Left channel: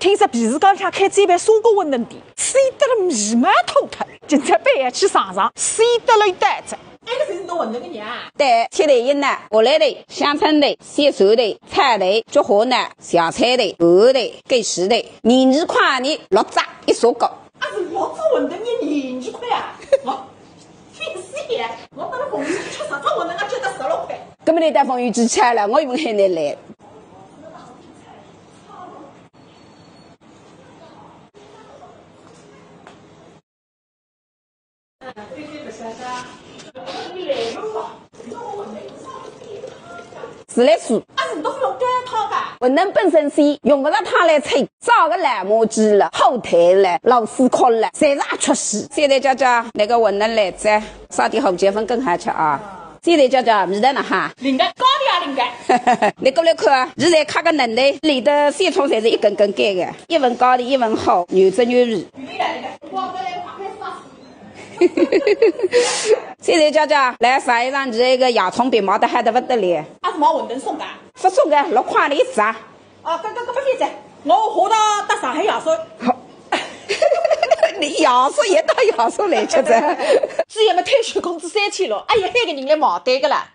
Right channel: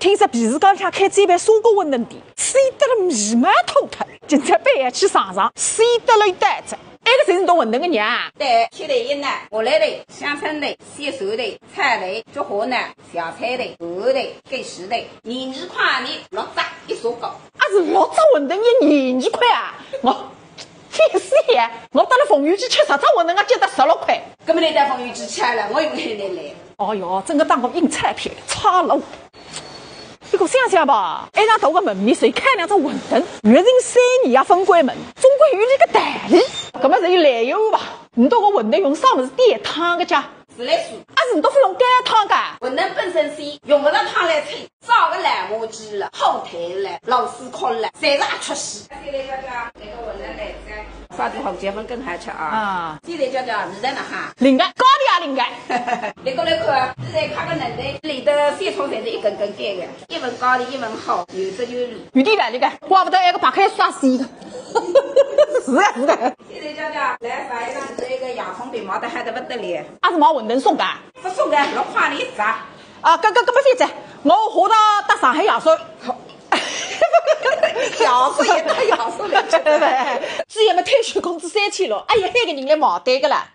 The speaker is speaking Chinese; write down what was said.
听说皮市港里开这一盘砂锅馄饨店，水得了米满脱脱，今朝半夜去尝尝，水得了一袋子。那个才是做馄饨的娘。对，切头一呢，荷兰头、香椿头、鲜熟头、菜头、菊花呢、小菜头、鹅头、鸡翅头，22块的6只一砂锅。啊是6只馄饨也22块啊！我天师爷，我到了凤鱼去吃10只馄饨，我就得16块。根本你在凤鱼去吃了，我用海南来。哦哟，整个当个硬菜片，差了。不过想想吧，一场大个门面谁开2只馄饨，月人3年也分关门，总归有那个道理。搿么是有来由吧？你到个馄饨用啥物事点汤个家？自来水，啊是都非用干汤噶。馄饨本身鲜，用不着汤来吹，烧个烂麻鸡了、后腿了、螺丝壳了，侪是一出戏。现在叫那个馄饨来着，烧点红结粉更好吃啊！现在叫味道呢哈，灵感高的也灵感。你过来看，现在开个嫩的，里头三葱侪是一根根干的，一份高的，一份好，牛汁牛味。有点来那个，怪不得那个白开刷水的。是的，现在来撒一张这个洋葱皮毛的还得不得了。啊是毛馄饨送的，不送的6块的1只。啊，搿么反正我下到上海亚叔。你亚叔也到亚叔来吃的。只要么退休工资3000了，哎呀，那个人来毛单个啦。